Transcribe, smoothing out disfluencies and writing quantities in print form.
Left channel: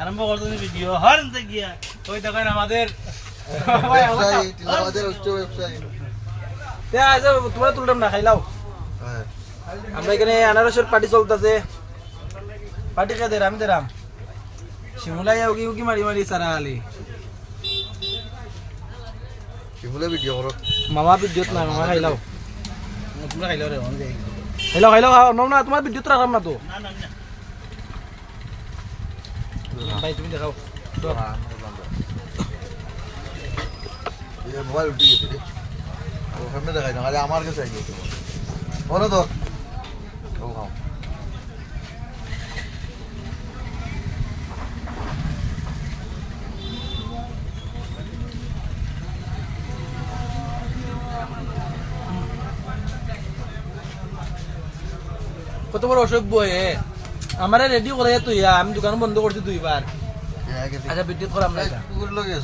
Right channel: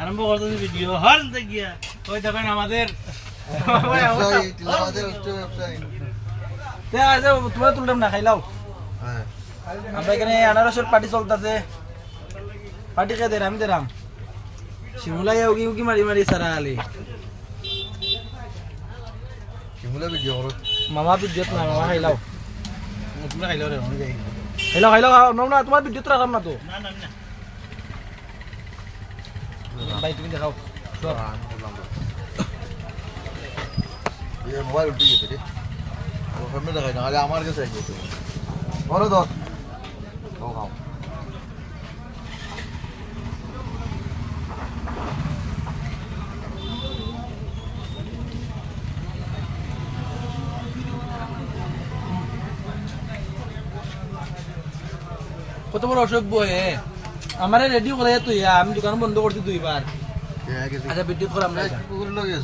আরম্ভ করতেছি video horn গিয়া ওই দেখেন আমাদের তোমরা তুললাম না খাইলাও আমরা এখানে আনারসের পার্টি চলতেছে পার্টি কে দেরাম দেরাম শিমুলাই উগি উগি মারি মারি সারা আলি শিমুলা ভিডিও করো মামা ভিডিওত না মামা খাইলাও তোমরা খাইলাও রে আমি যাই খাইলাও খাইলাও খাও না তোমার ভিডিও তো রাখাম না তো না না না ভাই তুমি দেখাও মোবাইল উঠে গেছে রে সামনে দেখাই না আরে আমার কাছে গেছে বলো তো খাও খাও কত বড় অসভ্য আমার রেডিও করে তুই আমি দোকান বন্ধ করছি দুইবার আচ্ছা বিদ্যুৎ করাম না কুকুর লগে